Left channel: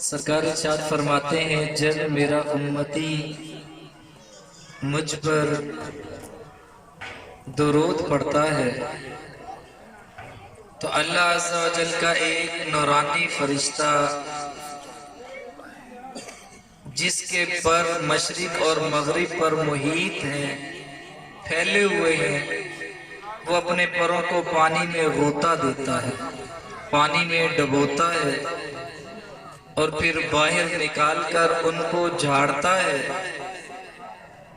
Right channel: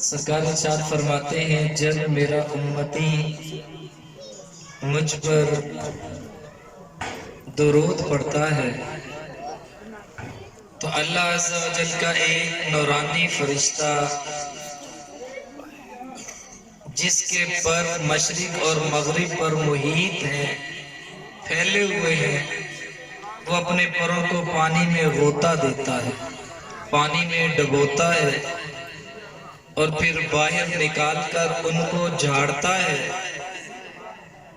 سرکار ارشاد فرماتے ہیں جب میرا امتی مجھ پر درود پڑھتا ہے تو اللہ عز و جل کا ایک نورانی فرشتہ جس کے پر مشرق اور مغرب پر محیط ہیں، پھیلے ہوئے ہیں، وہ اپنے پروں کو پانی میں غوطہ دیتا ہے، پانی میں ڈبوتا ہے اور پھر باہر نکال کر ان کو جھاڑتا ہے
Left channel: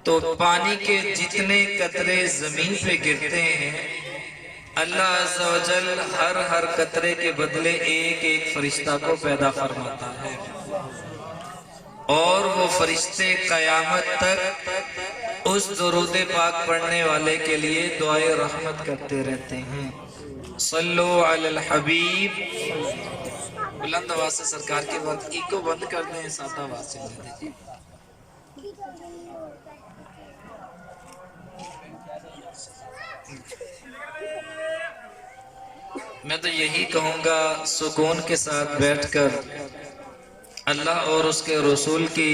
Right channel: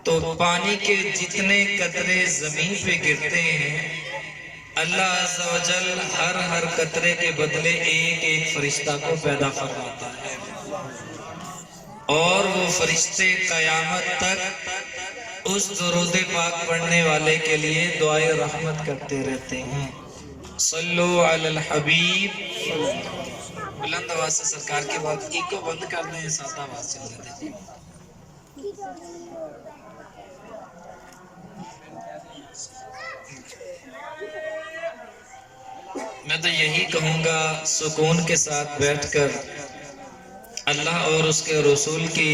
تو پانی کے جتنے قطرے زمین پہ گرتے ہیں اللہ عز و جل ہر قطرے کے بدلے ایک ایک فرشتہ کو پیدا فرماتا ہے، اور وہ فرشتے قیامت تک اس درود پاک پڑھنے والے کے لیے دعائے رحمت کرتے رہتے ہیں۔ صلو علی الحبیب۔ بلند آواز سے سرکار کے بعد ایکو بند کر دیں، سادہ آواز سے چلے دیجیے۔ میں تو یہی کہوں گا سکون کے ساتھ بیٹھ کر اللہ اور اس کے رسول کی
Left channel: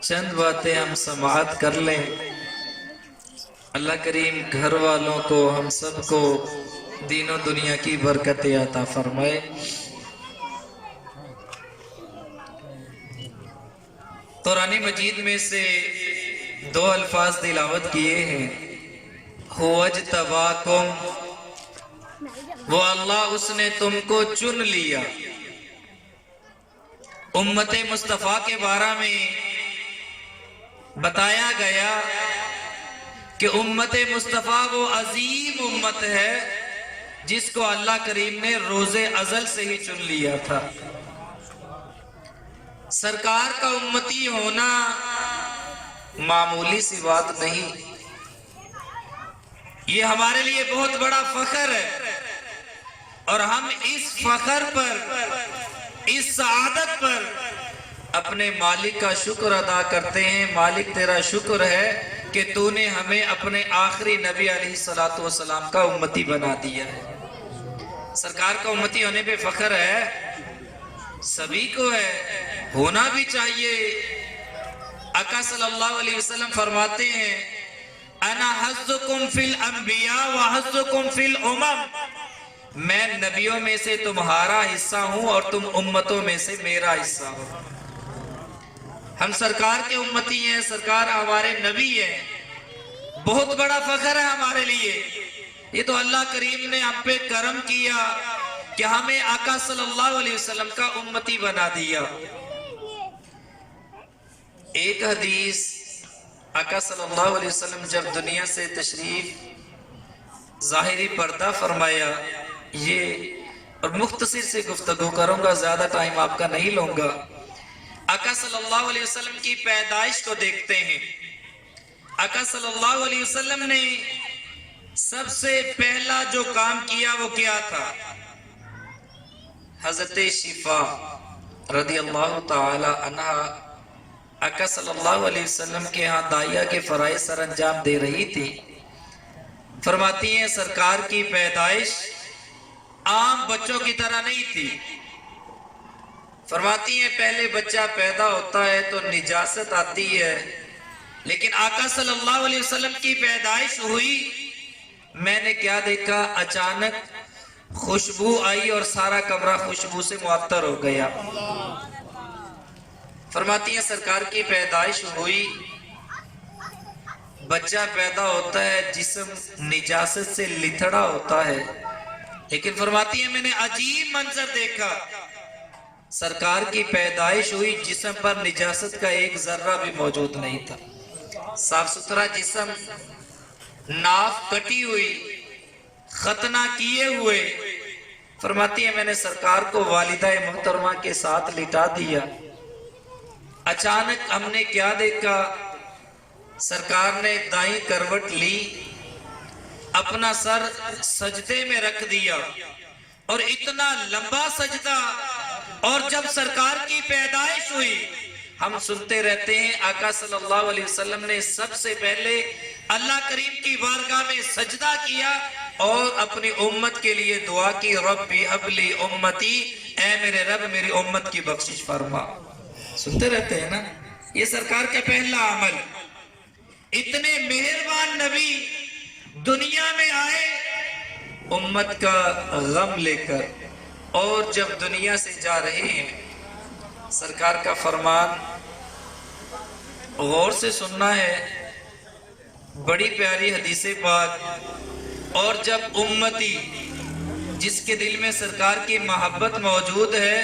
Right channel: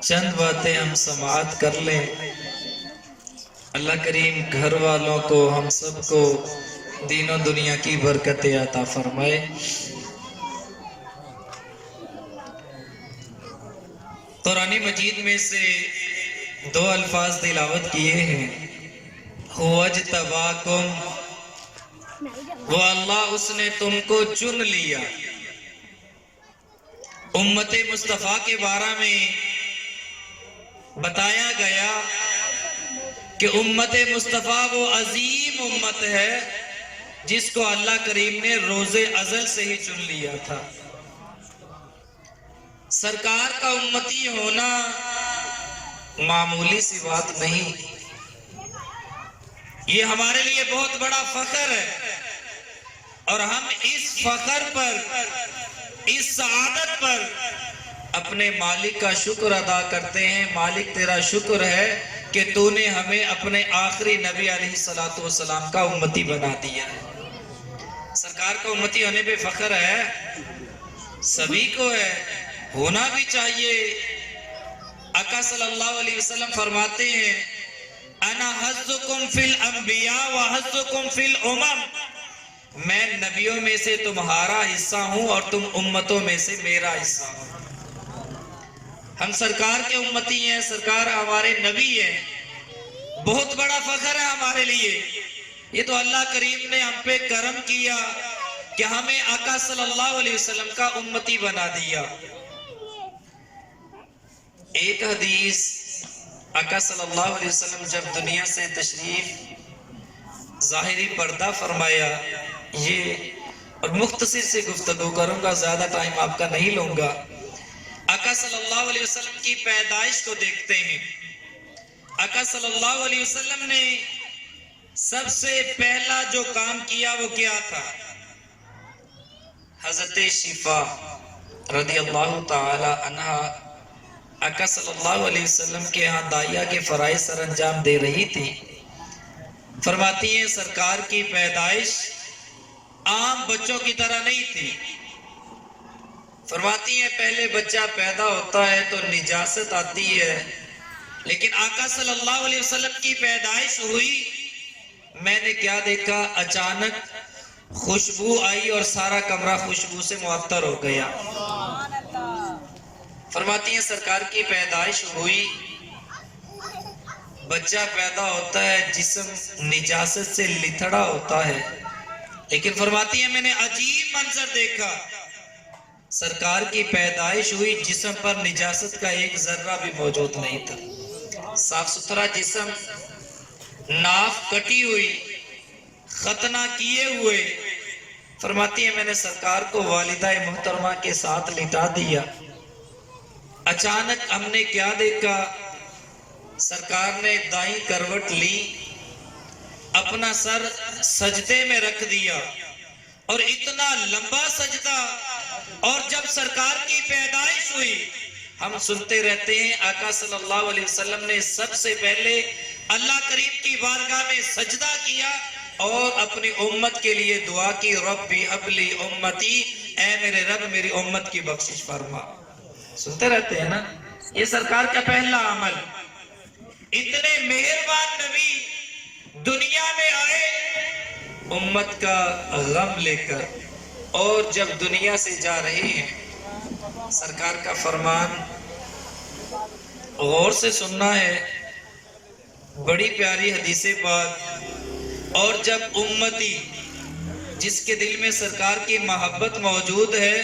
چند باتیں ہم سماعت کر لیں۔ اللہ کریم گھر والوں کو، ہم سب کو دین و دنیا کی برکتیں عطا فرمائے۔ قرآن مجید میں سے دو الفاظ تلاوت کیے ہیں، هو اجتباکم، وہ اللہ اس نے تم کو چن لیا۔ امت مصطفیٰ کے بارے میں بتایا گیا کہ امت مصطفیٰ وہ عظیم امت ہے جس کو اللہ کریم نے روز ازل سے ہی چن لیا تھا۔ سرکار کا امتی ہونا معمولی سی بات نہیں، یہ ہمارے لیے بہت بڑا فخر ہے، اور ہم اس فخر پر، اس سعادت پر اپنے مالک کا شکر ادا کرتے ہیں۔ مالک تیرا شکر ہے کہ تو نے ہمیں اپنے آخری نبی علیہ السلام کا امتی بنا دیا ہے۔ سرکار کا امتی ہونے پہ فخر ہے، سبھی کو ہے، ہونا بھی چاہیے۔ آقا صلی اللہ علیہ وسلم فرماتے ہیں انا حظکم فی الانبیاء و حظکم فی الامم، میں نبیوں میں سے تمہارا حصہ ہوں اور تم امتوں میں سے میرا حصہ ہوں۔ ہم سرکار کے امتی ہیں، سرکار ہمارے نبی ہیں، بہت بڑا فخر ہے ہمارے لیے۔ یہ تو اللہ کریم نے ہم پہ کرم کیا کہ ہمیں آقا صلی اللہ علیہ وسلم کا امتی بنا دیا۔ ایک حدیث، آقا صلی اللہ علیہ وسلم جب دنیا سے تشریف ظاہری پردہ فرمایا، یہ اور مختصر سے گفتگو کروں گا، زیادہ ٹائم آپ کا نہیں لوں گا۔ آقا صلی اللہ علیہ وسلم کی پیدائش کو دیکھتے ہیں۔ آقا صلی اللہ علیہ وسلم نے سب سے پہلا جو کام کیا وہ کیا تھا؟ حضرت شفا رضی اللہ تعالی عنہ آقا صلی اللہ علیہ وسلم کے ہاں داعیہ کے فرائض سر انجام دے رہی تھی۔ فرماتی ہیں سرکار کی پیدائش عام بچوں کی طرح نہیں تھی۔ فرماتی ہیں پہلے بچہ پیدا ہوتا ہے تو نجاست آتی ہے، لیکن آقا صلی اللہ علیہ وسلم کی پیدائش ہوئی، میں نے کیا دیکھا؟ اچانک خوشبو آئی اور سارا کمرہ خوشبو سے معطر ہو گیا۔ فرماتی ہیں سرکار کی پیدائش ہوئی، بچہ پیدا ہوتا ہے، جسم نجاست سے لتھڑا ہوتا ہے، لیکن فرماتی ہیں میں نے عجیب منظر دیکھا، سرکار کی پیدائش ہوئی، جسم پر نجاست کا ایک ذرہ بھی موجود نہیں تھا، صاف ستھرا جسم، ناف کٹی ہوئی، ختنہ کیے ہوئے۔ فرماتی ہیں میں نے سرکار کو والدہ محترمہ کے ساتھ لٹا دیا۔ اچانک ہم نے کیا دیکھا؟ سرکار نے دائیں کروٹ لی، اپنا سر سجدے میں رکھ دیا، اور اتنا لمبا سجدہ، اور جب سرکار کی پیدائش ہوئی ہم سنتے رہتے ہیں آقا صلی اللہ علیہ وسلم نے سب سے پہلے اللہ کریم کی بارگاہ میں سجدہ کیا اور اپنی امت کے لیے دعا کی، ربی ابلی امتی، اے میرے رب میری امت کی بخشش فرما۔ سنتے رہتے ہیں نا، یہ سرکار کا پہلا عمل۔ اتنے مہربان نبی دنیا میں آئے امت کا غم لے کر، اور جب دنیا سے جا رہے ہیں سرکار کا فرمان غور سے سننا ہے، بڑی پیاری حدیث پاک۔ اور جب امتی جس کے دل میں سرکار کی محبت موجود ہے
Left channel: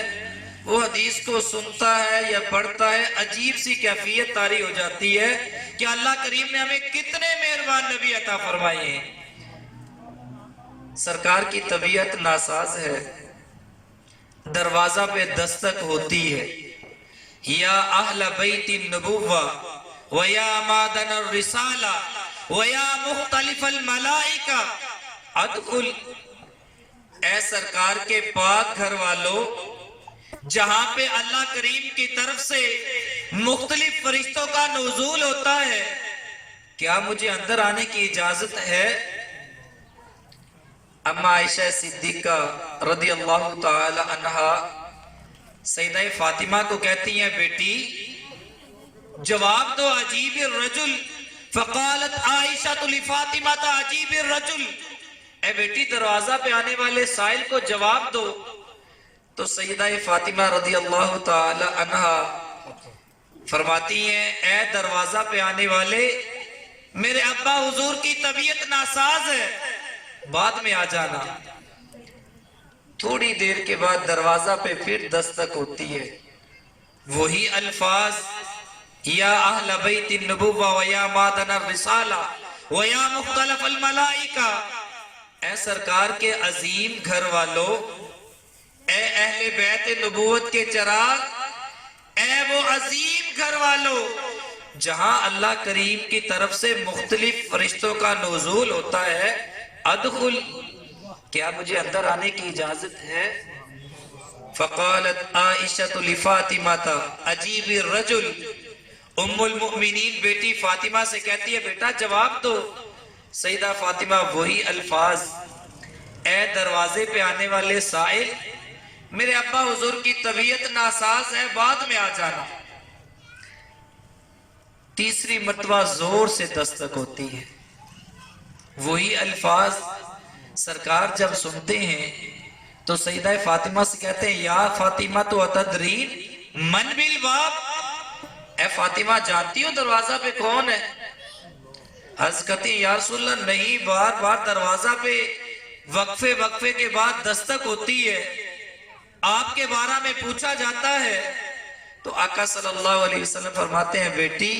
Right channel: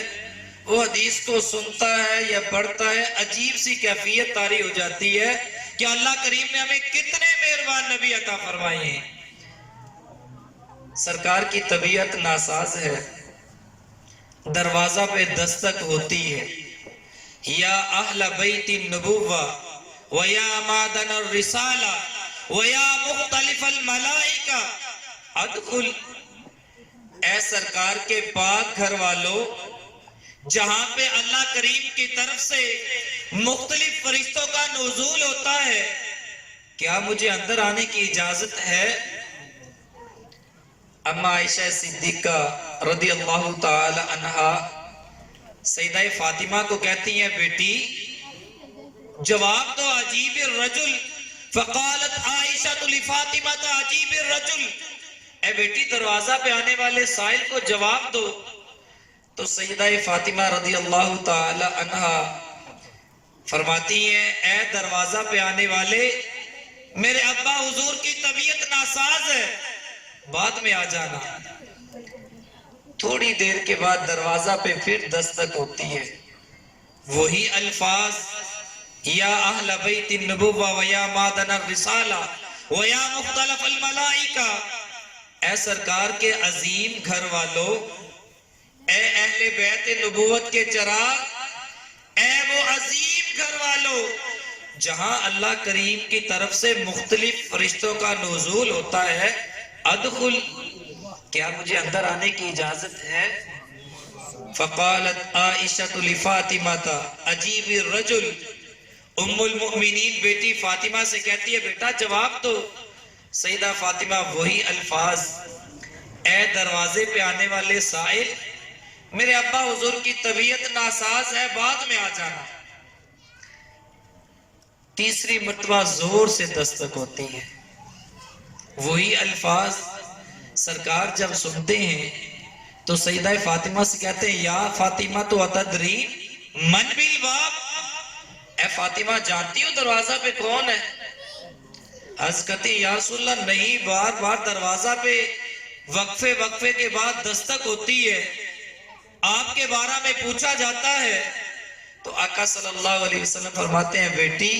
وہ حدیث کو سنتا ہے یا پڑھتا ہے، عجیب سی کیفیت طاری ہو جاتی ہے کہ اللہ کریم نے ہمیں کتنے مہربان نبی عطا فرمائے ہیں۔ سرکار کی طبیعت ناساز ہے، دروازہ پہ دستک ہوتی ہے، یا اہل بیت النبوہ ویا مادن الرسالہ ویا مختلف الملائکہ ادخل، اے سرکار کے پاک گھر والوں، جہاں پہ اللہ کریم کی طرف سے مختلف فرشتوں کا نزول ہوتا ہے، کیا مجھے اندر آنے کی اجازت ہے؟ اما عائشہ صدیقہ رضی اللہ تعالی عنہا سیدہ فاطمہ کو کہتی ہیں، بیٹی جواب دو عجیب الرجل، فقالت عائشہ لفاطمہ عجیب الرجل، اے بیٹی دروازہ پہ آنے والے سائل کو جواب دو۔ تو سیدہ فاطمہ رضی اللہ تعالی عنہا فرماتی ہیں، اے دروازہ پہ آنے والے، میرے ابا حضور کی طبیعت ناساز ہے، بعد میں آ جانا۔ تھوڑی دیر کے بعد دروازہ پہ پھر دستک ہوتی ہے، وہی الفاظ، یا اہل بیت النبوہ ویا مادن الرسالہ ویا مختلف الملائکہ، اے سرکار کے عظیم گھر والوں، اے اہل بیت نبوت کے چراغ، اے وہ عظیم گھر والوں جہاں اللہ کریم کی طرف سے مختلف فرشتوں کا نزول ہوتا ہے، ادخل، کیا مجھے اندر آنے کی اجازت ہے؟ فقالت عائشہ لفاطمہ عجیب الرجل، ام المؤمنین بیٹی فاطمہ سے کہتی ہے، بیٹا جواب دو۔ سیدہ فاطمہ وہی الفاظ، اے دروازے پہ آنے والے سائل، میرے ابا حضور کی طبیعت ناساز ہے، بعد میں آ جانا۔ تیسری مرتبہ زور سے دستک ہوتی ہے، وہی الفاظ سرکار جب سنتے ہیں تو سیدہ فاطمہ سے کہتے ہیں، یا فاطمہ تو اتدرین من بالباب، اے فاطمہ جانتی ہو دروازہ پہ کون ہے؟ عرض کرتی ہیں، یا رسول اللہ نہیں، بار بار دروازہ پہ وقفے کے بعد دستک ہوتی ہے، آپ کے بارے میں پوچھا جاتا ہے۔ تو آقا صلی اللہ علیہ وسلم فرماتے ہیں، بیٹی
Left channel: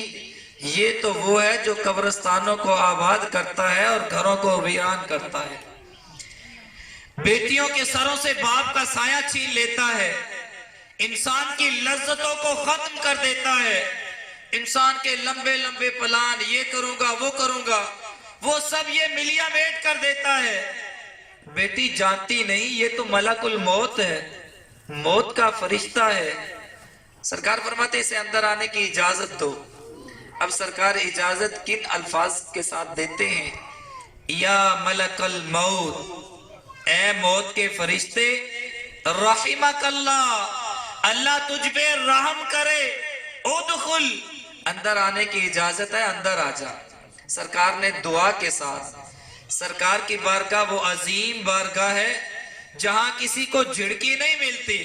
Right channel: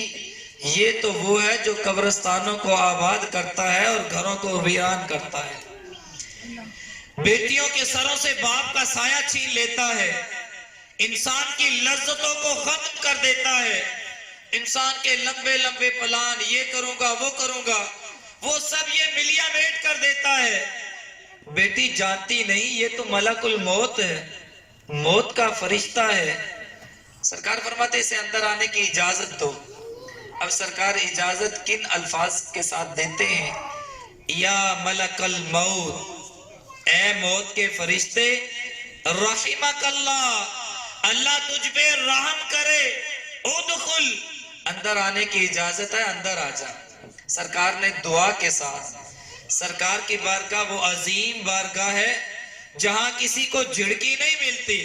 یہ تو وہ ہے جو قبرستانوں کو آباد کرتا ہے اور گھروں کو ویران کرتا ہے، بیٹیوں کے سروں سے باپ کا سایہ چھین لیتا ہے، انسان کی لذتوں کو ختم کر دیتا ہے، انسان کے لمبے لمبے پلان، یہ کروں گا وہ کروں گا، وہ سب یہ ملیا میٹ کر دیتا ہے۔ بیٹی جانتی نہیں یہ تو ملک الموت ہے، موت کا فرشتہ ہے۔ سرکار فرماتے اسے اندر آنے کی اجازت دو۔ اب سرکار اجازت کن الفاظ کے ساتھ دیتے ہیں؟ یا ملک الموت، اے موت کے فرشتے، رحمک اللہ، اللہ تجھ پہ رحم کرے، ادخل، اندر آنے کی اجازت ہے، اندر آ جا۔ سرکار نے دعا کے ساتھ، سرکار کی بارگاہ وہ عظیم بارگاہ ہے جہاں کسی کو جھڑکی نہیں ملتی،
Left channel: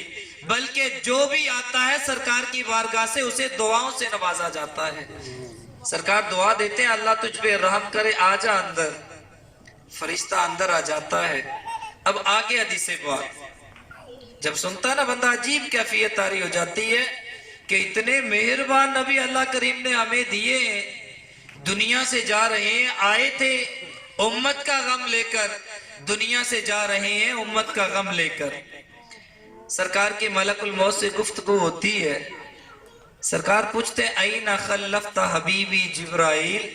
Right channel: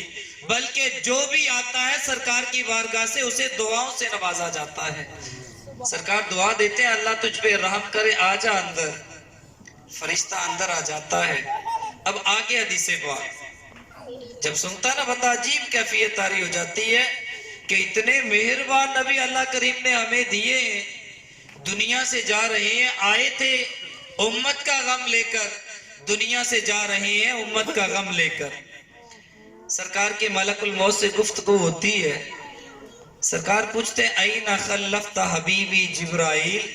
بلکہ جو بھی آتا ہے سرکار کی بارگاہ سے اسے دعاؤں سے نوازا جاتا ہے۔ سرکار دعا دیتے ہیں، اللہ تجھ پہ رحم کرے، آ جا اندر، فرشتہ اندر آ جاتا ہے۔ اب آگے حدیث پاک جب سنتا ہے نا بندہ، عجیب کیفیت طاری ہو جاتی ہے کہ اتنے مہربان نبی اللہ کریم نے ہمیں دیے ہیں، دنیا سے جا رہے ہیں، آئے تھے امت کا غم لے کر، دنیا سے جا رہے ہیں امت کا غم لے کر۔ سرکار کے ملک الموت سے گفتگو ہوتی ہے، سرکار پوچھتے ہیں، این خلفت حبیبی جبرائیل،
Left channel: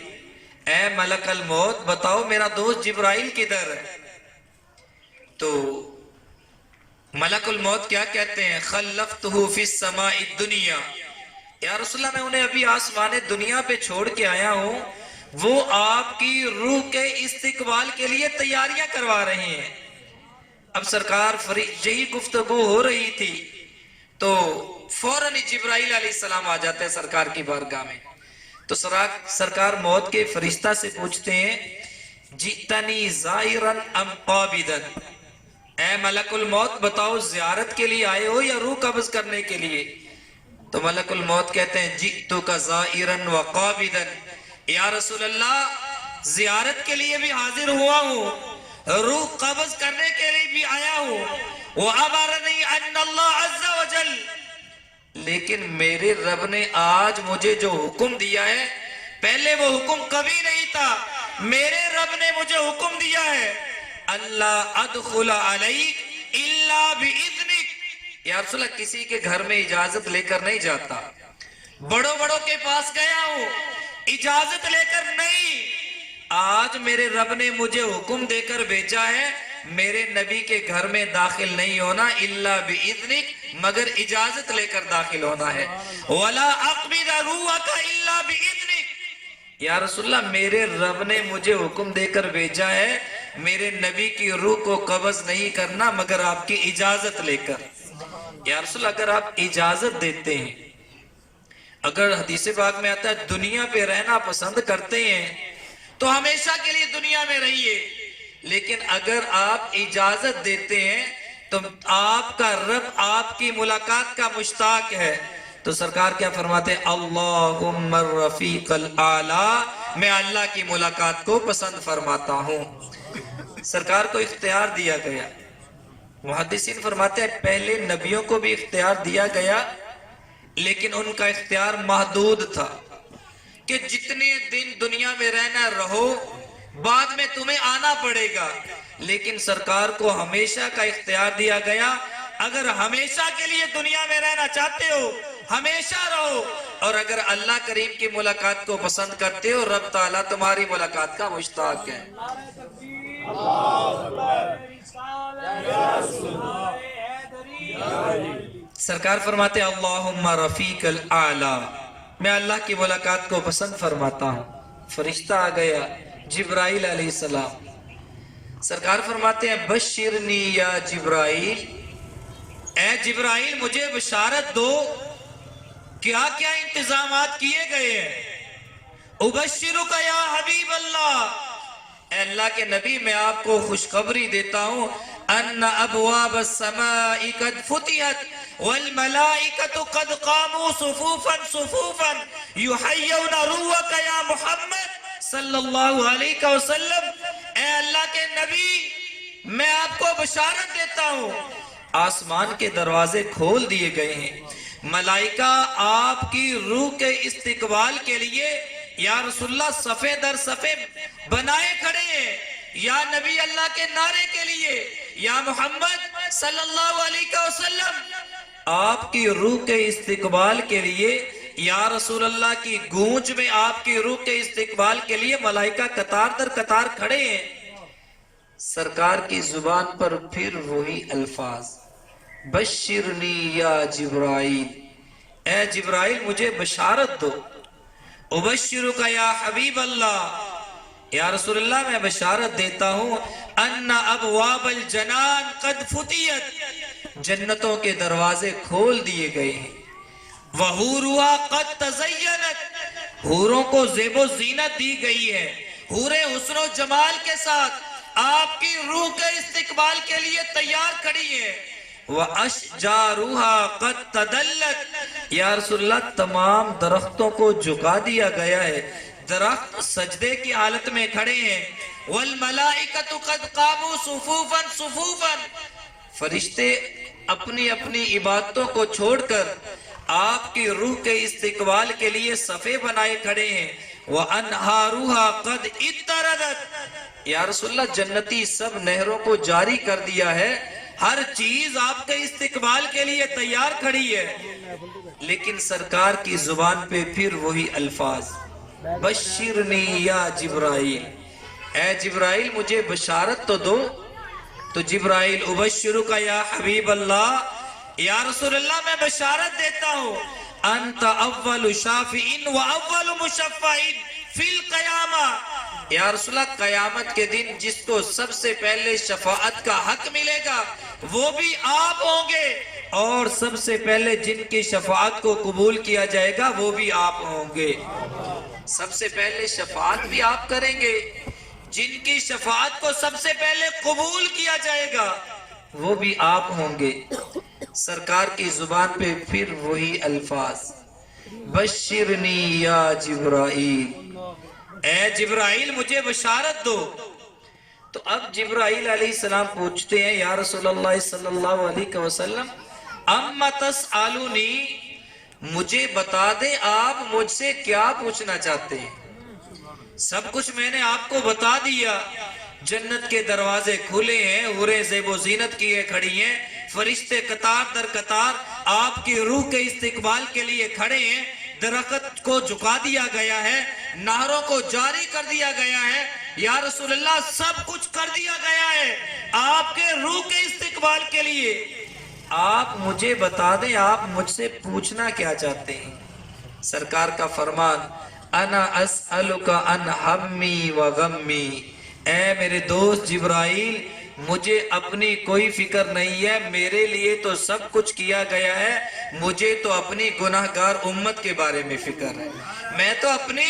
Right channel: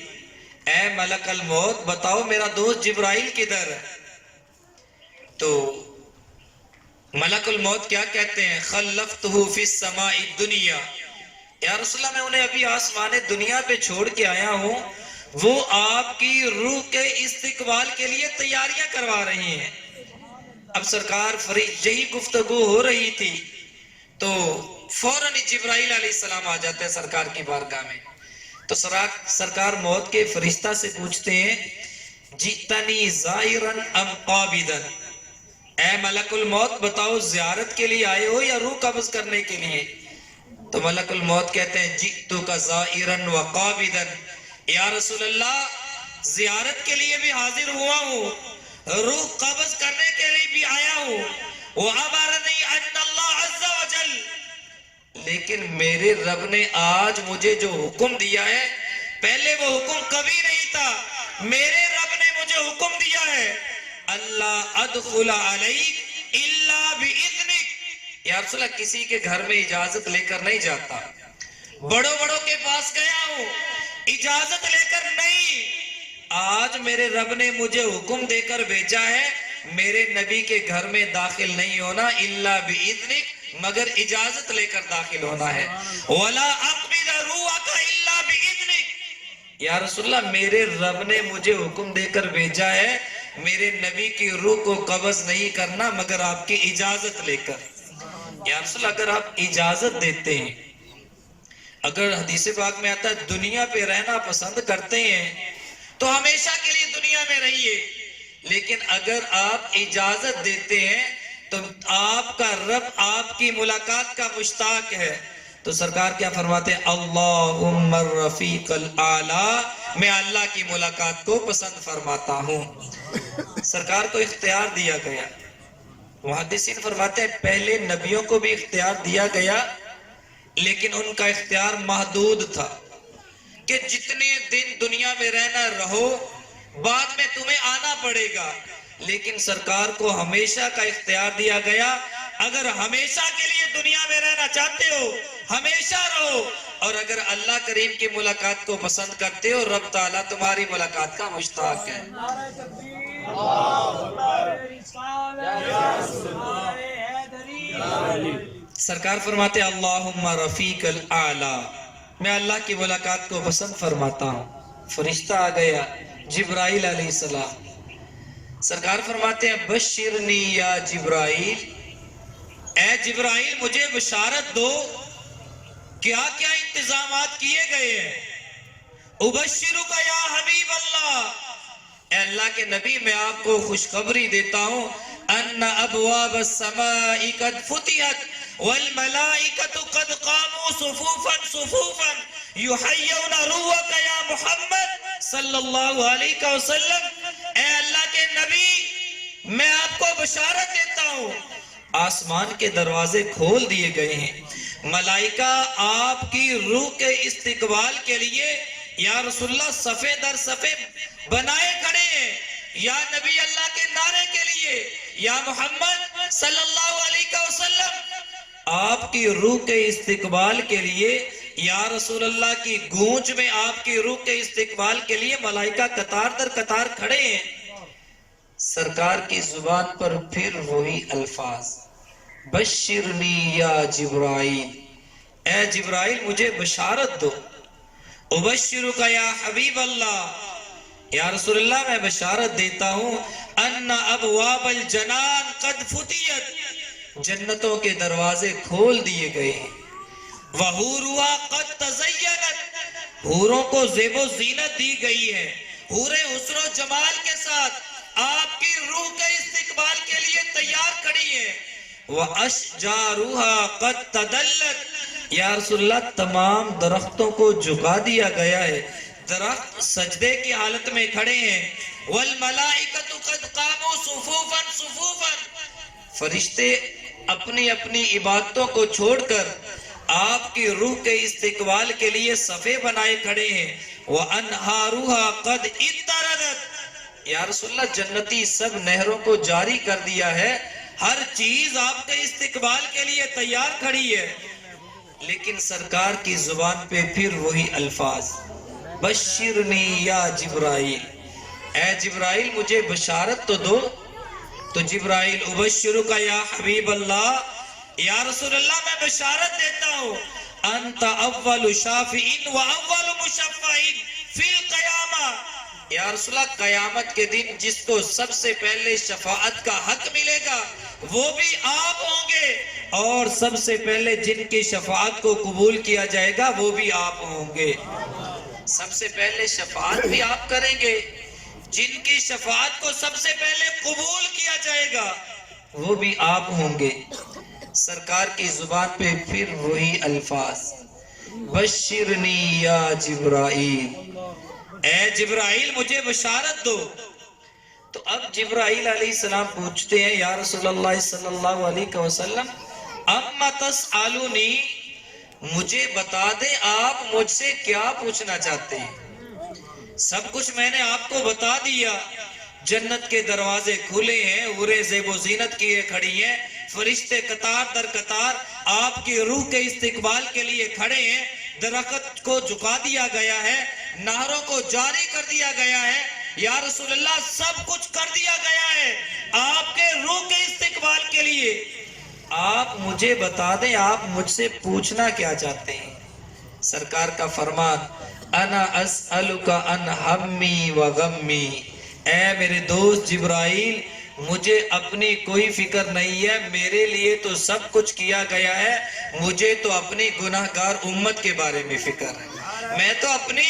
اے ملک الموت بتاؤ میرا دوست جبرائیل کدھر ہے؟ تو ملک الموت کیا کہتے ہیں؟ خلفتہ فی السماء الدنیا، یا رسول اللہ میں انہیں ابھی آسمان دنیا پہ چھوڑ کے آیا ہوں، وہ آپ کی روح کے استقبال کے لیے تیاریاں کروا رہے ہیں۔ اب سرکار یہی گفتگو ہو رہی تھی تو فوراً جبرائیل علیہ السلام آ جاتے ہیں سرکار کی بارگاہ میں۔ تو سرکار موت کے فرشتہ سے پوچھتے ہیں جئتنی زائرن ام قابضن، اے ملک الموت بتاؤ زیارت کے لیے آئے ہو یا روح قبض کرنے کے لیے؟ تو ملک الموت کہتے ہیں جئتک زائرن و قابضن، یا رسول اللہ زیارت کے لیے بھی حاضر ہوا ہوں، روح قبض کرنے کے لیے بھی آیا ہوں، وَأَمَرَنِي أَنَّ اللَّهَ عَزَّ وَجَلَّ، لیکن میرے رب نے آج مجھے جو حکم دیا ہے، پہلے وہ حکم کبھی نہیں تھا، میرے رب نے مجھے حکم دیا ہے اللہ ادخل علیک الا بإذنک، یا رسول اللہ کسی کے گھر میں اجازت لے کر نہیں جاتا، بڑوں بڑوں کے پاس گیا ہوں اجازت لے کر نہیں، آج میرے رب نے مجھے حکم دے کر بھیجا ہے میرے نبی کے گھر میں داخل نہیں ہونا الا بإذنک، مگر اجازت لے کر داخل ہونا ہے، وَلَا أَقْبِضَ رُوحَكَ إِلَّا بِإِذْنِكَ، یا رسول اللہ میرے رب نے مجھے حکم دے کر بھیجا ہے میرے نبی کی روح کو قبض نہیں کرنا مگر آپ کی اجازت لے کر۔ یا رسول اللہ اگر آپ اجازت دیتے ہیں، اگر حدیث پاک میں آتا ہے دنیا پہ رہنا پسند کرتے ہیں تو ہمیشہ کے لیے دنیا میں رہیے، لیکن اگر آپ اجازت دیتے ہیں تو آپ کا رب آپ کی ملاقات کا مشتاق ہے، تو سرکار کیا فرماتے ہیں اللہم الرفیق الاعلی، میں اللہ کی ملاقات کو پسند فرماتا ہوں۔ سرکار کو اختیار دیا گیا، محدثین فرماتے ہیں پہلے نبیوں کو بھی اختیار دیا گیا لیکن ان کا اختیار محدود تھا کہ جتنے دن دنیا میں رہنا رہو، بعد میں تمہیں آنا پڑے گا، لیکن سرکار کو ہمیشہ کا اختیار دیا گیا، اگر ہمیشہ کے لیے دنیا میں رہنا چاہتے ہو ہمیشہ رہو، اور اگر اللہ کریم کی ملاقات کو پسند کرتے ہو رب تعالیٰ تمہاری ملاقات کا مشتاق ہے۔ سرکار فرماتے اللہم رفیق الاعلی، میں اللہ کی ملاقات کو پسند فرماتا ہوں۔ فرشتہ آ گیا جبرائیل علیہ السلام، سرکار فرماتے ہیں بشرنی یا جبرائیل، اے جبرائیل مجھے بشارت دو کیا کیا انتظامات کیے گئے ہیں۔ ابشرک یا حبیب اللہ، اے اللہ کے نبی میں آپ کو خوشخبری دیتا ہوں ان ابواب السماء قد فتحت والملائکۃ قد قاموا صفوفا صفوفا یحیون روحک یا محمد صلی اللہ علیہ وسلم، اے اللہ کے نبی میں آپ کو بشارت دیتا ہوں آسمان کے دروازے کھول دیے گئے ہیں، ملائکہ آپ کی روح کے استقبال کے لیے یا رسول اللہ صفے در صفے بنائے کھڑے ہیں، یا نبی اللہ کے نعرے کے لیے یا محمد صلی اللہ علیہ وسلم آپ کی روح کے استقبال کے لیے، یا رسول اللہ کی گونج میں آپ کی روح کے استقبال کے لیے ملائکہ قطار در قطار کھڑے ہیں۔ سرکار کی زبان پر پھر وہی الفاظ بشرنی یا جبرائیل، اے جبرائیل مجھے بشارت دو، ابشرک یا حبیب اللہ، یا رسول اللہ میں بشارت دیتا ہوں ان ابواب الجنان قد فتحت، جنتوں کے دروازے کھول دیے گئے ہیں، وحورها قد تزینت، حوروں کو زیب و زینت دی گئی ہے، حوریں حسن و جمال کے ساتھ آپ کی روح کے استقبال کے لیے تیار کھڑی ہیں، وَأَشْجَارُهَا قَدْ تَدَلَّتْ، یا رسول اللہ تمام درختوں کو جھکا دیا گیا ہے، درخت سجدے کی حالت میں کھڑے ہیں، وَالْمَلَائِكَةُ قَدْ قَامُوا صُفُوفًا صُفُوفًا، فرشتے اپنی اپنی عبادتوں کو چھوڑ کر آپ کی روح کے استقبال کے لیے صفے بنائے کھڑے ہیں، وَأَنْهَارُهَا قَدْ اِتَّرَدَتْ، یا رسول اللہ جنتی سب نہروں کو جاری کر دیا ہے، ہر چیز آپ کے استقبال کے لیے تیار کھڑی ہے، لیکن سرکار کی زبان پہ پھر وہی الفاظ بشرنی یا جبرائیل، اے جبرائیل مجھے بشارت تو دو، تو جبرائیل ابشرک یا حبیب اللہ، یا رسول اللہ میں بشارت دیتا ہوں انت اول شافعین و اول مشفعین فی القیامہ، یا رسول اللہ قیامت کے دن جس کو سب سے پہلے شفاعت کا حق ملے گا وہ بھی آپ ہوں گے، اور سب سے پہلے جن کی شفاعت کو قبول کیا جائے گا وہ بھی آپ ہوں گے۔ سب سے پہلے شفاعت بھی آپ کریں گے، جن کی شفاعت کو سب سے پہلے قبول کیا جائے گا وہ بھی آپ ہوں گے۔ سرکار کی زبان پہ پھر وہی الفاظ، بشرنی یا جبرائیل، اے جبرائیل مجھے بشارت دو۔ تو اب جبرائیل علیہ السلام پوچھتے ہیں یا رسول اللہ صلی اللہ علیہ وسلم اما تسألونی، مجھے بتا دیں آپ مجھ سے کیا پوچھنا چاہتے ہیں؟ سب کچھ میں نے آپ کو بتا دیا، جنت کے دروازے کھلے ہیں، حوریں زیب و زینت کیے کھڑی ہیں، فرشتے قطار در قطار آپ کی روح کے استقبال کے لیے کھڑے ہیں، درخت کو جھکا دیا گیا ہے، نہروں کو جاری کر دیا گیا ہے، یا رسول اللہ سب کچھ کر دیا گیا ہے آپ کے روح کے استقبال کے لیے۔ آپ مجھے بتا دیں آپ مجھ سے پوچھنا کیا چاہتے ہیں؟ سرکار کا فرمان، انا اسألک عن ہمی و غمی، اے میرے دوست جبرائیل مجھے اپنی کوئی فکر نہیں ہے، میرے لیے تو سب کچھ کیا گیا ہے، مجھے تو اپنی گناہگار امت کے بارے میں فکر ہے، میں تو اپنی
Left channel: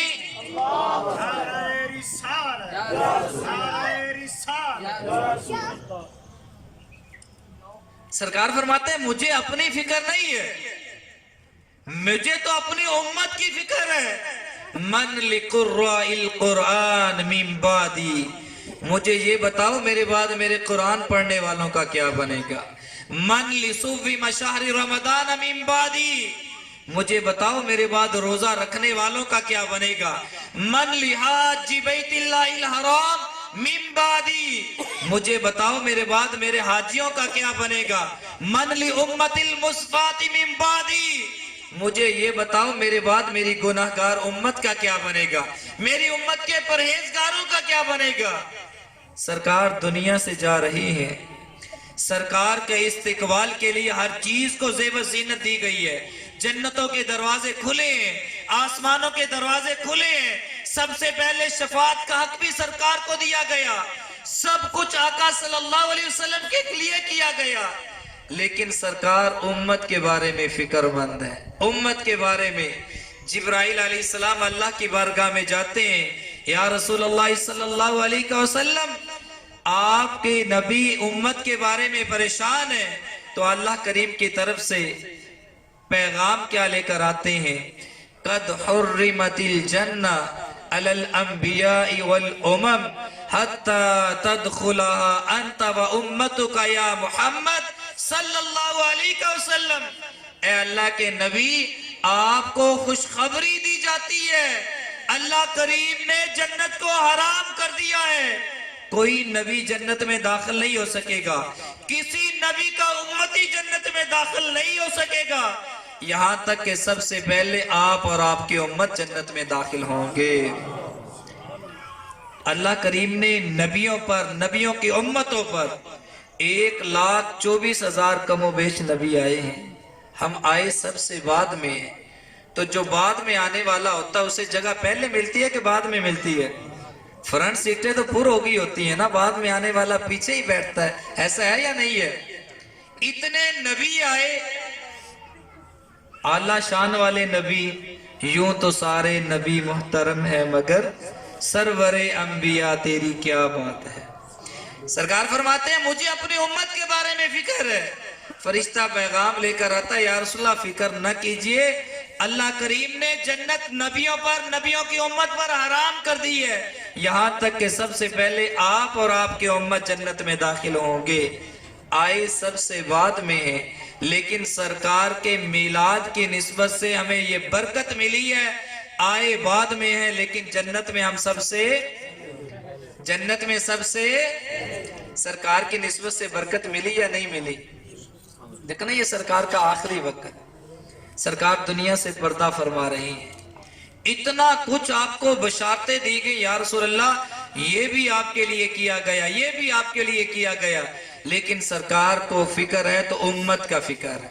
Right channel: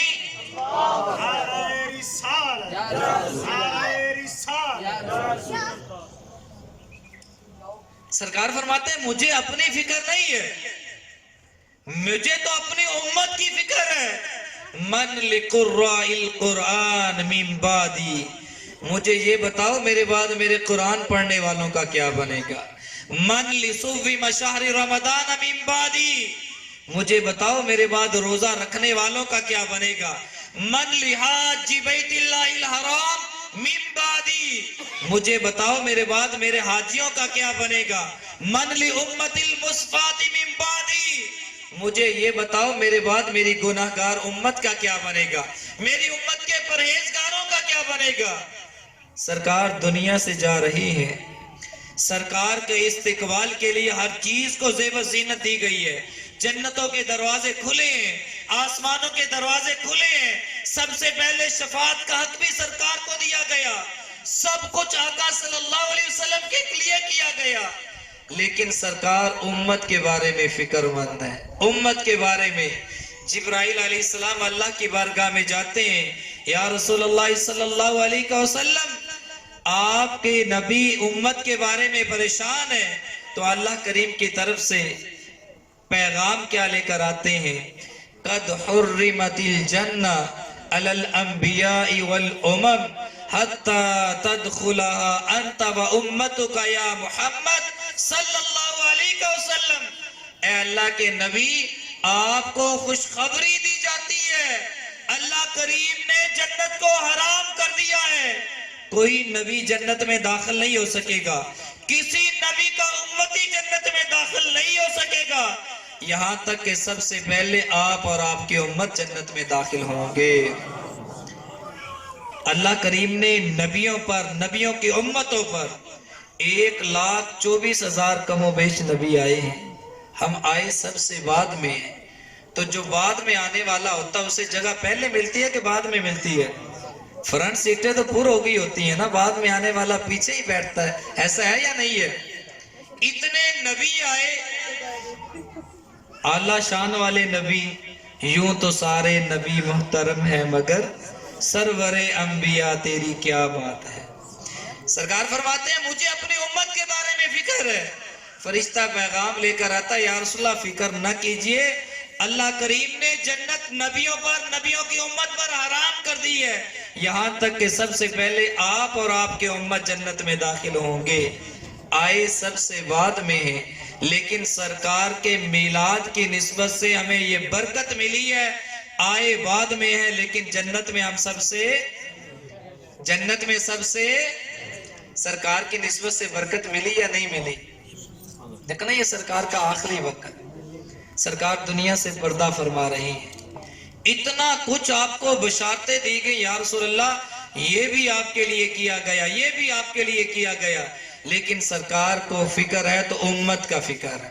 سرکار فرماتے ہیں مجھے اپنی فکر نہیں ہے، مجھے تو اپنی امت کی فکر ہے۔ من لقراء القرآن من بعدی، مجھے یہ بتاؤ میرے بعد میرے قرآن پڑھنے والوں کا کیا بنے گا۔ من لصوم شہر رمضان من بعدی، مجھے بتاؤ میرے بعد روزہ رکھنے والوں کا کیا بنے گا۔ من لحاج بیت اللہ الحرام من بعدی، مجھے بتاؤ میرے بعد میرے حاجیوں کا کیا بنے گا۔ من لامت المصفات من بعدی، مجھے یہ بتاؤ میرے بعد میری گناہگار امت کا کیا بنے گا، میری امت کے پرہیزگاروں کا کیا بنے گا۔ سرکار دنیا سے جا رہی ہے، سرکار کے استقبال کے لیے ہر چیز کو زیب و زینت دی گئی ہے، جنتوں کے دروازے کھلے ہیں، آسمانوں کے دروازے کھلے ہیں، سب سے پہلے شفاعت کا حق بھی سرکار کو دیا گیا، سب کچھ آقا صلی اللہ علیہ وسلم کے لیے کیا گیا، لیکن سرکار امت کے بارے میں فکر مند ہے۔ امت کے بارے میں جبرائیل علیہ السلام اللہ کی بارگاہ میں جاتے ہیں، یا رسول اللہ صلی اللہ علیہ وسلم آپ کے نبی امت کے بارے میں پریشان ہیں، تو اللہ کریم کی طرف سے پیغام کیا لے کر آتے ہیں، قد حرمت الجنہ علی الانبیاء والامم حتی تدخلها انت و امتک یا محمد صلی اللہ علیہ وسلم۔ اے اللہ کے نبی آپ کو خوشخبری دی جاتی ہے، اللہ کریم نے جنت کو حرام کر دیا ہے، کوئی نبی جنت میں داخل نہیں ہو سکے گا، کسی نبی کا امتی جنت میں داخل نہیں ہو سکے گا، یہاں تک کہ سب سے پہلے آپ اور آپ کی امت جنت میں داخل ہوں گے۔ اللہ کریم نے نبیوں پر، نبیوں کی امتوں پر 1,24,000 کم و بیش نبی آئے ہیں، ہم آئے سب سے بعد میں ہیں، تو جو بعد میں آنے والا ہوتا ہے اسے جگہ پہلے ملتی ہے کہ بعد میں ملتی ہے؟ فرنٹ سیٹیں تو پور ہو گئی ہوتی ہیں نا، بعد میں آنے والا پیچھے ہی بیٹھتا ہے، ایسا ہے یا نہیں ہے؟ اتنے نبی آئے، اعلیٰ شان والے نبی، یوں تو سارے نبی محترم ہیں مگر سرور انبیاء تیری کیا بات ہے۔ سرکار فرماتے ہیں مجھے اپنی امت کے بارے میں فکر ہے، فرشتہ پیغام لے کر آتا ہے، یا رسول اللہ فکر نہ کیجئے، اللہ کریم نے جنت نبیوں پر، نبیوں کی امت پر حرام کر دی ہے، یہاں تک کہ سب سے پہلے آپ اور آپ کی امت جنت میں داخل ہوں گے۔ آئے سب سے بعد میں ہیں، لیکن سرکار کے میلاد کی نسبت سے ہمیں یہ برکت ملی ہے، آئے بعد میں ہیں لیکن جنت میں ہم سب سے، جنت میں سب سے سرکار کی نسبت سے برکت ملی یا نہیں ملی؟ دیکھنا یہ سرکار کا آخری وقت، سرکار دنیا سے پردہ فرما رہی ہیں، اتنا کچھ آپ کو بشارتیں دی گئی، یا رسول اللہ یہ بھی آپ کے لیے کیا گیا، یہ بھی آپ کے لیے کیا گیا، لیکن سرکار کو فکر ہے تو امت کا فکر ہے،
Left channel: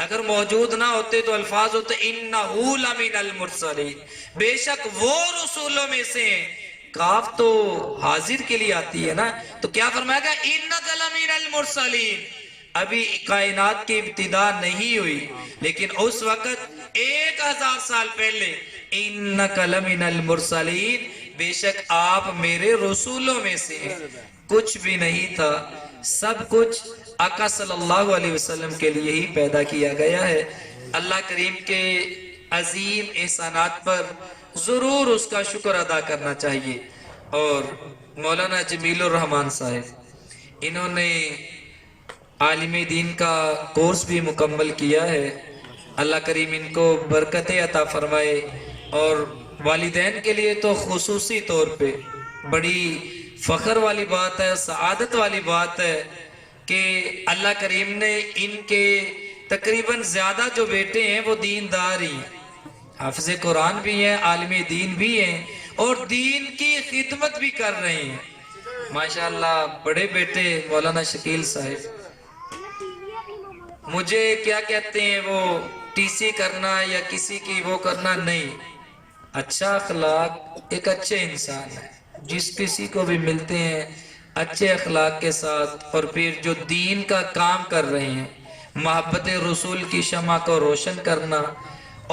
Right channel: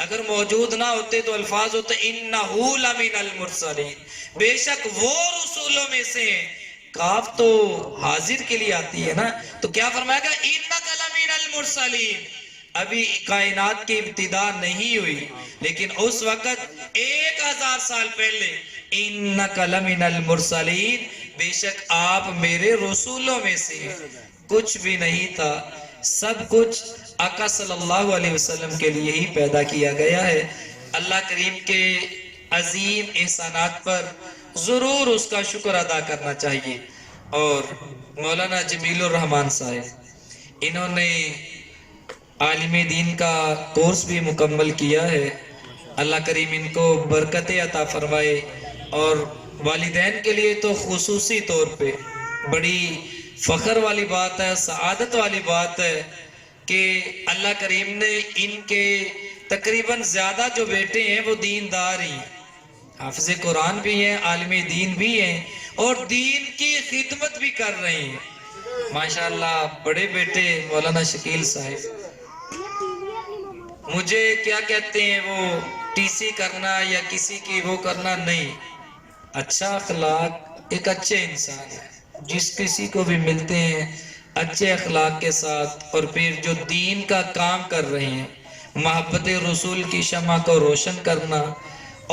اگر موجود نہ ہوتے تو الفاظ ہوتے انہو لمن المرسلین، بے شک وہ رسولوں میں سے ہیں۔ کاف تو حاضر کے لیے آتی ہے نا، تو کیا فرمائے گا انک لمن المرسلین، ابھی کائنات کی ابتدا نہیں ہوئی لیکن اس وقت 1000 سال پہلے انک لمن المرسلین، بے شک آپ میرے رسولوں میں سے ہیں۔ کچھ بھی نہیں تھا، سب کچھ آقا صلی اللہ علیہ وسلم کے لیے ہی پیدا کیا گیا ہے۔ اللہ کریم کے عظیم احسانات پر ضرور اس کا شکر ادا کرنا چاہیے۔ اور مولانا جمیل الرحمان صاحب، انہوں نے عالم دین کا کورس بھی مکمل کیا ہے، اللہ کریم ان کو برکت عطا فرمائے۔ اور والدین کے لیے تو خصوصی طور پہ بڑی فخر والی بات ہے، سعادت والی بات ہے کہ اللہ کریم نے ان کے تقریباً زیادہ جو بیٹے ہیں وہ دیندار ہی ہیں، حافظ قرآن بھی ہیں، عالم دین بھی ہیں، اور دین کی خدمت بھی کر رہے ہیں۔ ماشاءاللہ بڑے بیٹے مولانا شکیل صاحب، مجھے کیا کہتے ہیں وہ ٹی سی کرنا یا کسی کی وہ کرنا نہیں، اچھا اخلاق ایک اچھے انسان ہے، جس کسی کو بھی ملتے ہیں اچھے اخلاق کے ساتھ، اور پھر جو دین کا کام کر رہے ہیں، محبت رسول کی شمع کو روشن کرنا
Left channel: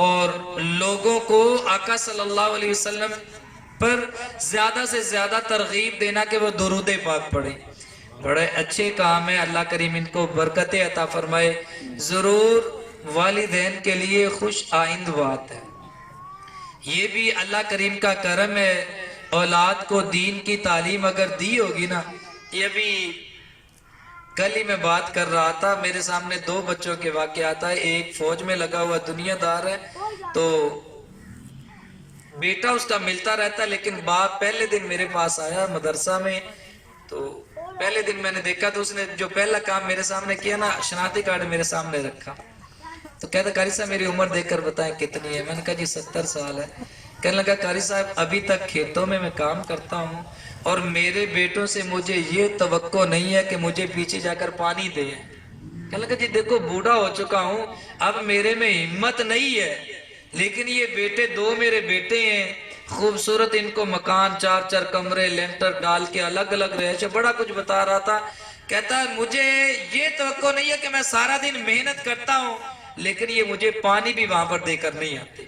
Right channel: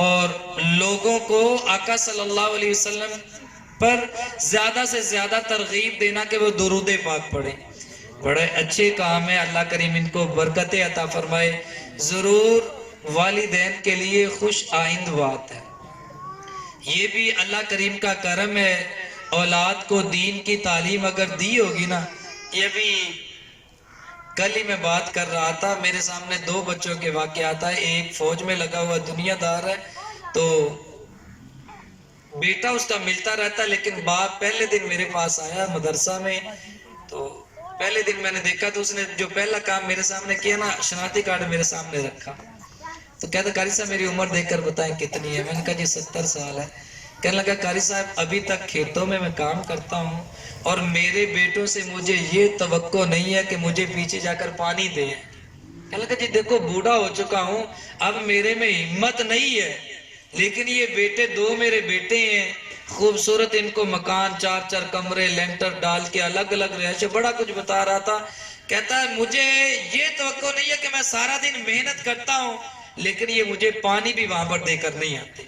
اور لوگوں کو آقا صلی اللہ علیہ وسلم پر زیادہ سے زیادہ ترغیب دینا کہ وہ درود پاک پڑھیں، بڑے اچھے کام ہے۔ اللہ کریم ان کو برکت عطا فرمائے۔ ضرور والدین کے لیے خوش آئند بات ہے، یہ بھی اللہ کریم کا کرم ہے۔ اولاد کو دین کی تعلیم اگر دی ہوگی نا، یہ بھی کل ہی میں بات کر رہا تھا، میرے سامنے 2 بچوں کے واقعات آئے، ایک فوج میں لگا ہوا دنیا دار ہے، تو بیٹا اس کا ملتا رہتا، لیکن باپ پہلے دن میرے پاس آیا مدرسہ میں، تو پہلے دن میں نے دیکھا تو اس نے جو پہلا کام میرے سامنے کیا نا، شناختی کارڈ میرے سامنے رکھا، تو کہتا قاری صاحب میری عمر دیکھ کر بتائیں کتنی ہے؟ میں نے کہا جی 70 سال ہے۔ کہنے لگا قاری صاحب ابھی تک کھیتوں میں کام کرتا ہوں اور میرے بیٹوں سے مجھے یہ توقع نہیں ہے کہ مجھے پیچھے جا کر پانی دے۔ کہنے لگا جی دیکھو بوڑھا ہو چکا ہوں، اب میرے میں ہمت نہیں ہے، لیکن یہ بیٹے 2 میرے بیٹے ہیں، خوبصورت ان کو مکان 4 کمرے لینٹر ڈال کے الگ الگ رہائش، بڑا کچھ بتا رہا تھا۔ کہتا ہے مجھے یہ توقع نہیں ہے کہ میں سارا دن محنت کرتا ہوں لیکن یہ مجھے پانی بھی وہاں پر دے کر نہیں آتے۔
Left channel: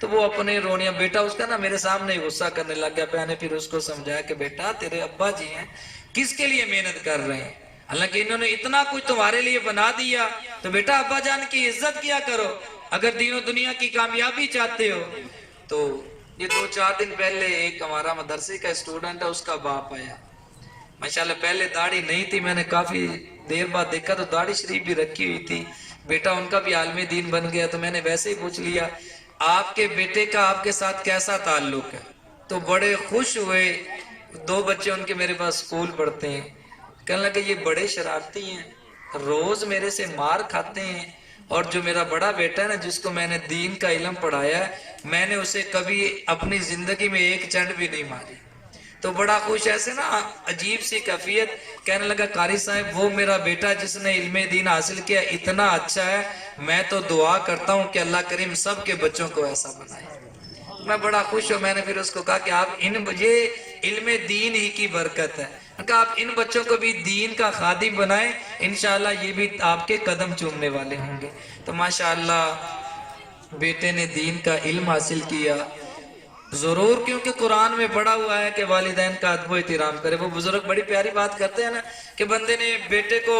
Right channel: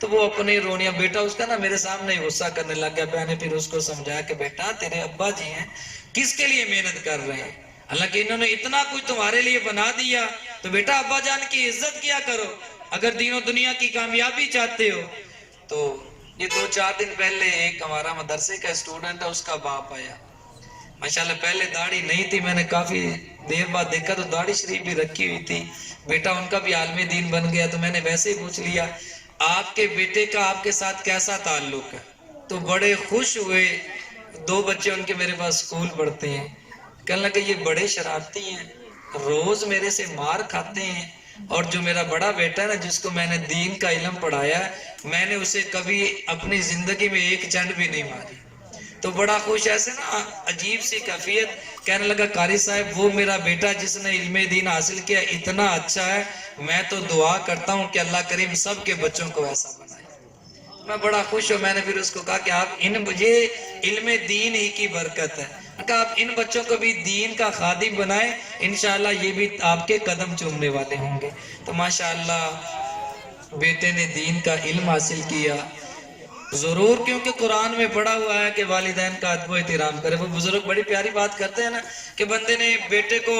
تو وہ اپنے رونیاں، بیٹا اس کا نا میرے سامنے غصہ کرنے لگ گیا، میں نے پھر اس کو سمجھایا کہ بیٹا تیرے ابا جی ہیں، کس کے لیے محنت کر رہے ہیں؟ حالانکہ انہوں نے اتنا کچھ تمہارے لیے بنا دیا، تو بیٹا ابا جان کی عزت کیا کرو اگر دین و دنیا کی کامیابی چاہتے ہو۔ تو یہ 2-4 دن پہلے ایک ہمارا مدرسے کا اسٹوڈنٹ ہے، اس کا باپ آیا، ماشاءاللہ پہلے داڑھی نہیں تھی، میں نے کافی دیر بعد دیکھا تو داڑھی شریف بھی رکھی ہوئی تھی، بیٹا ان کا بھی عالم دین بن گیا، تو میں نے ویسے ہی پوچھ لیا آپ کے بیٹے کا آپ کے ساتھ کیسا تعلق ہے؟ تو بڑے خوش ہوئے، 2 بچے ان کے میرے پاس اسکول پڑھتے ہیں، کہنے لگے یہ بڑے شرارتی ہیں، روز میرے سے مار کھاتے ہیں، اور جو میرا بڑا بیٹا ہے نا جس کو میں نے دین کا علم پڑھایا، میں نے اسے کبھی اپنی زندگی میں ایک چنڈ بھی نہیں ماری۔ تو بڑا خوش، ایسے نا عجیب سی کیفیت، کہنے لگا قاری صاحب وہ میرا بیٹا جس نے علم دین حاصل کیا اتنا اچھا ہے، میں تو دعا کرتا ہوں کہ اللہ کریم سب کے بچوں کو ایسا بنائے۔ میں بڑا خوش ہوں، میں نے پھر اس کو کہا کہ آپ یہ علم دین ہی کی برکت ہے، کہ آپ ان بچوں کو بھی دین کا خادم بنائیں، انشاءاللہ یہ بھی آپ کے قدم چومنے والے ہوں گے۔ تو ماشاءاللہ بیٹے نے دین کا علم حاصل کیا ضرور، کیونکہ قرآن میں پڑھا ہوا ہے کہ والدین کا ادب و احترام کرے۔ وہ بزرگ بڑی پیاری بات کرتے ہیں نا کہ بندے نے بیٹے کو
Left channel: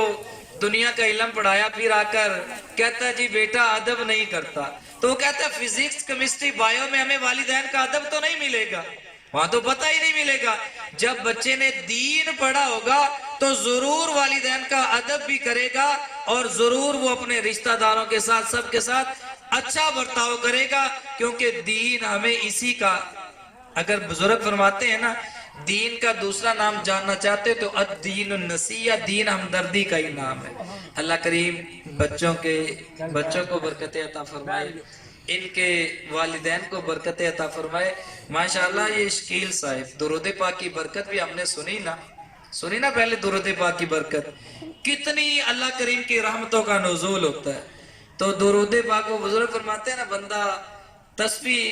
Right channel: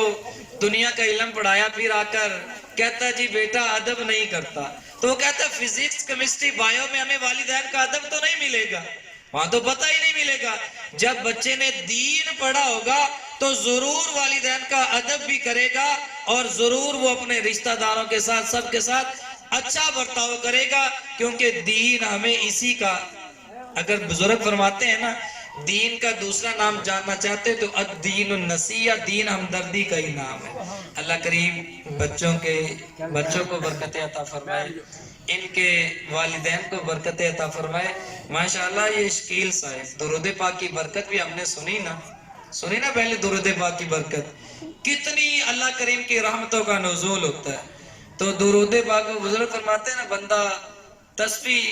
دنیا کا علم پڑھایا، پھر آ کر کہتا ہے جی بیٹا ادب نہیں کرتا، تو وہ کہتا ہے فزکس کیمسٹری بایو میں ہمیں والدین کا ادب تو نہیں ملے گا، وہاں تو پتہ ہی نہیں ملے گا۔ جب بچے نے دین پڑھا ہوگا تو ضرور والدین کا ادب بھی کرے گا، اور ضرور وہ اپنے رشتہ داروں کے ساتھ سب کے ساتھ اچھا برتاؤ کرے گا، کیونکہ دین ہمیں اسی کا، اگر بزرگ فرماتے ہیں نا دین کا دوسرا نام جاننا چاہتے تو الدین النصیحہ، دین ہمدردی کا ہی نام ہے۔ اللہ کریم بچوں کو برکت عطا فرمائے، ان کے والدین کو برکت عطا فرمائے۔ ماشاءاللہ یہ شکیل صاحب، درود پاک کی برکت بھی ہم نے سنی نا پہلے درود پاک کی برکت کتنی اللہ کریم کی رحمتوں کا نزول ہوتا ہے۔ تو درود پاک کو بزرگ فرماتے ہیں نا، بندہ تسبیح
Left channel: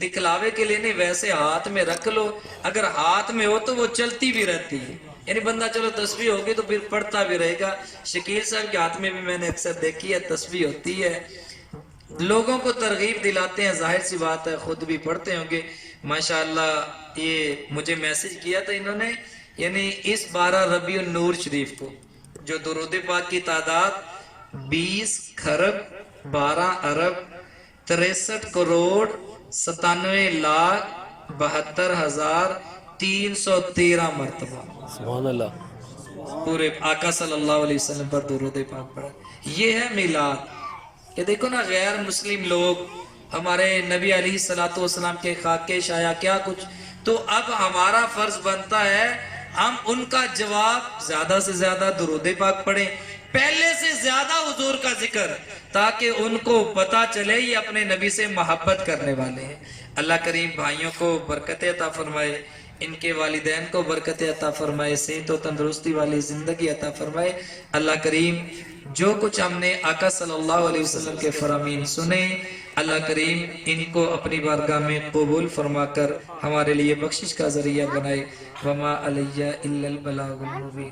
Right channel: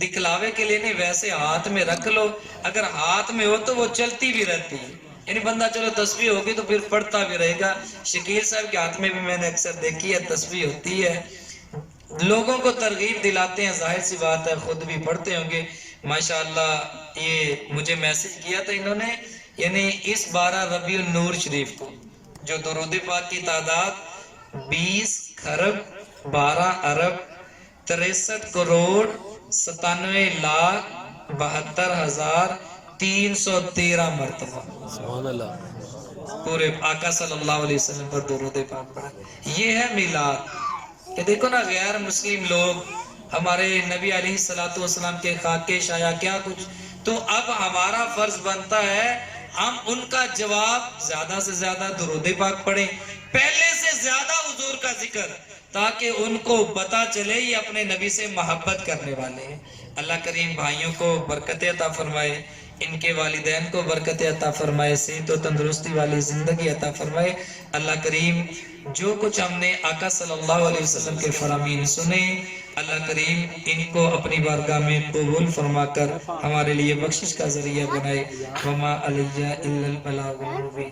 دکھلاوے کے لیے نہیں، ویسے ہاتھ میں رکھ لو، اگر ہاتھ میں ہو تو وہ چلتی بھی رہتی ہے، یعنی بندہ چلو تسبیح ہوگی تو پھر پڑھتا بھی رہے گا۔ شکیل صاحب کے ہاتھ میں بھی میں نے اکثر دیکھی ہے تسبیح ہوتی ہے، لوگوں کو ترغیب دلاتے ہیں، ظاہر سی بات ہے خود بھی پڑھتے ہوں گے ماشاءاللہ۔ یہ مجھے میسج کیا تھا انہوں نے، یعنی اس 12 ربیع النور شریف کو جو درود پاک کی تعداد 20 خرب 12 ارب 63 کروڑ 97 لاکھ 72,313 مرتبہ سبحان اللہ۔ پورے آقا صلی اللہ علیہ وسلم پر درود پاک پڑھا۔ یہ ہے میلاد کہ دیکھو نا، غیر مسلم لوگ ہمارے نبی علیہ السلام کے خاکے شایا کیا کچھ، تو اب ہمارا فرض بنتا ہے ہم ان کا جواب زیادہ سے زیادہ درود پاک پڑھیں، پہلے سے زیادہ حضور کا ذکر، تاکہ ان کو پتا چلے یہ اپنے نبی سے محبت کرنے والے ہیں۔ اللہ کریم بھائیوں کو برکت عطا فرمائے، ان کے والدین کو برکت عطا فرمائے، صحت و تندرستی والی زندگی عطا فرمائے۔ اللہ کریم جو کچھ ہم نے آقا صلی اللہ علیہ وسلم کے فرامین سنے، اللہ کریم ان کو اپنی بارگاہ میں قبول فرما کر ہمارے لیے بخشش کا ذریعہ بنائے۔ وما علیہ الا البلاغ المبین۔